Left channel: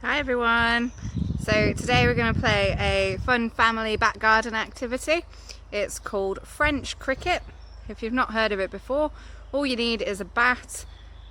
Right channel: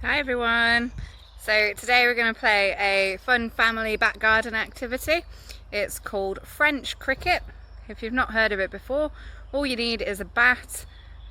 Hi everyone! So today we're going to play a fun family back garden activity. It's called French cricket. If you've not heard of it before, all you need is a bat,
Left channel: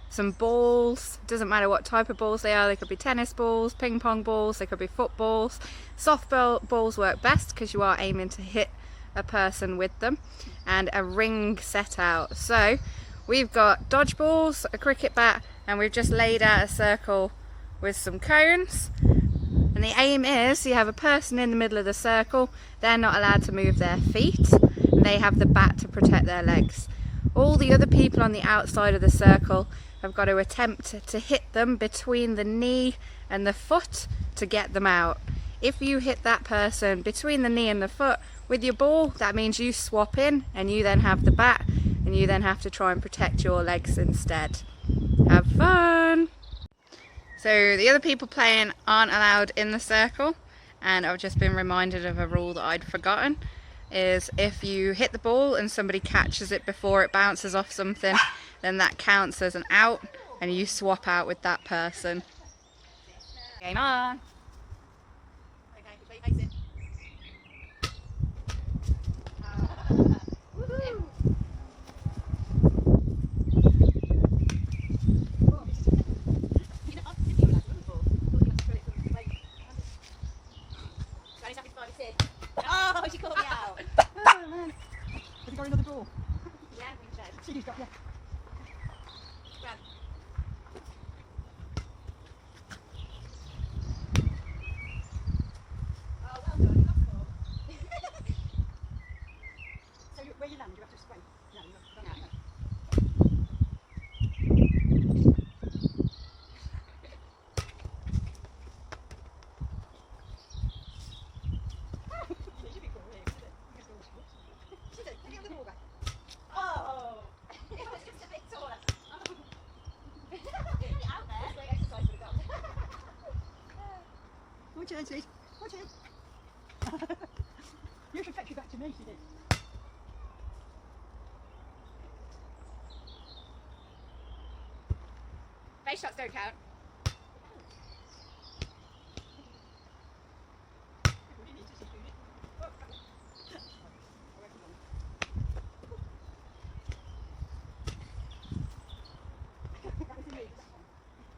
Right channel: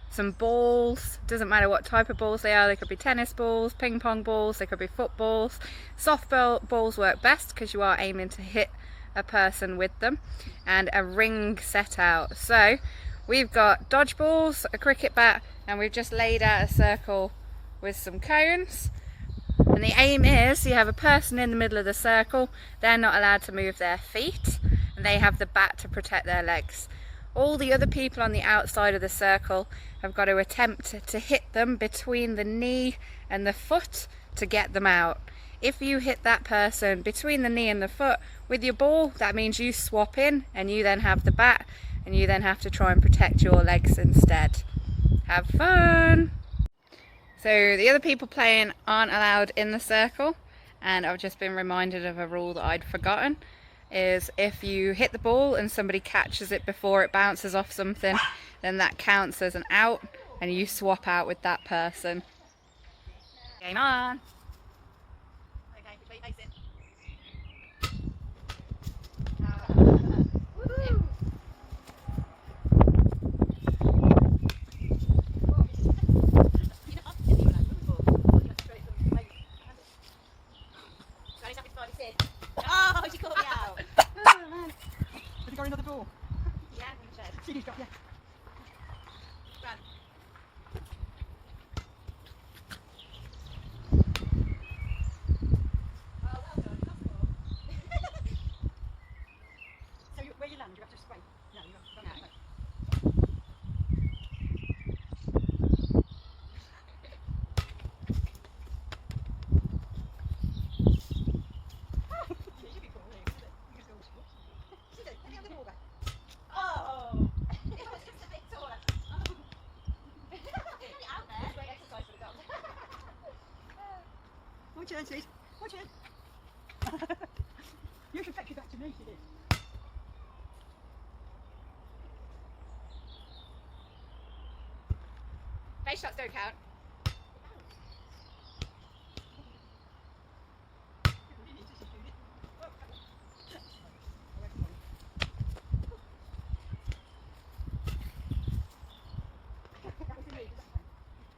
some balls. Doesn't matter what type of balls they are. They could be tennis balls, ping pong balls, they could be footballs. Softball balls work best because you are aiming to hit a person with them, and a ring set out. So we've got dodgeballs, a cricket bat, and we've just laid out a circle with some cones, and the aim is you have a person in the middle of the circle. They're not allowed to move their feet, and they have the bat to protect their legs. All the other people on the outside of the circle have got to attempt to hit them between the knee and the foot to get them out. If you hit that person between the knee and the foot with your ball, that means you swap in and you then have the bat, and you then have to try and protect your legs instead. Have fun! So the other people playing aren't allowed in the circle, and I've just been reminded of a rule that I'd forgotten, is if you hit the ball and somebody catches it before it bounces off something, then that counts as an out and you swap out with that person. Game on! Okay, which way you face it? Woohoo! Oh, she caught me out. Oh, man. Has he got another ball? Yeah, I think so. He's got, yeah. Run. Oh, well done. Lost the ball. So where you land, you have to swing. No, you have to No. no. You should be cool, really, isn't it? You just go, whoops. Should it? Let me have the ball back. Oh! It was just a bit taller. Get out there. It's great exercise for the dog. My turn, Sid. My turn. You can fetch it back to me, Sid. Face shots don't count.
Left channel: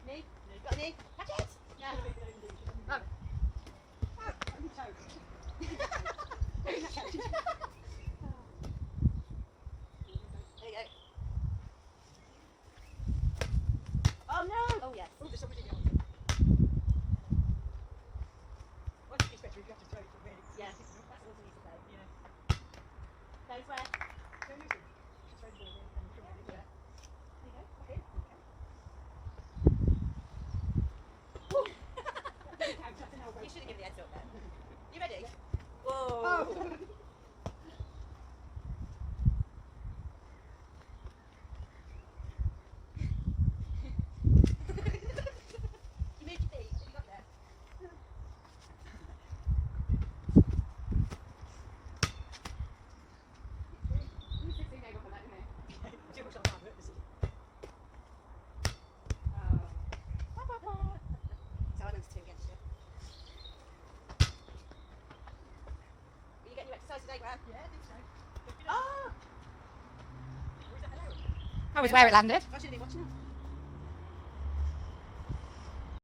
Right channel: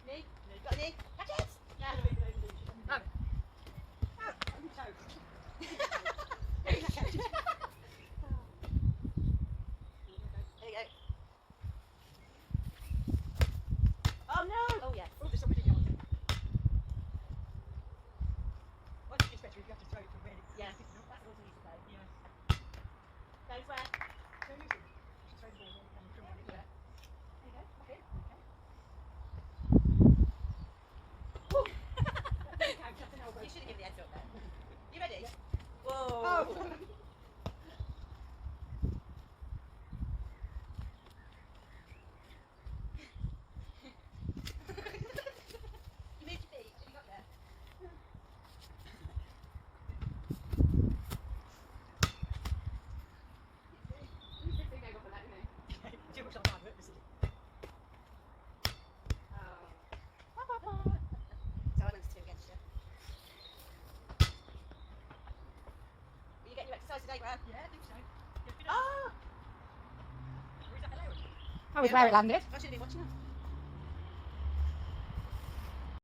Knee? Got a knee? Catch it! Yeah. Oh. There you go. Oh no! Oh yes. Oh, there's somebody else. I think it's better if you have to throw it from really. Yeah, that's also need to play. Yeah. Goes where? So you should throw the ball in and throw it in. There you go. Back in. You should have given the heads up then. You ready? Whoa! Oh. You moved your feet. Have you got there? You should think I got for that, didn't you? Too much on hard work, this is. Oh. Silence two against you. Are you getting your exercise today, Graham? Yeah, I think so. Oh! Or is that allowed? That was where it landed. I should have been watching that.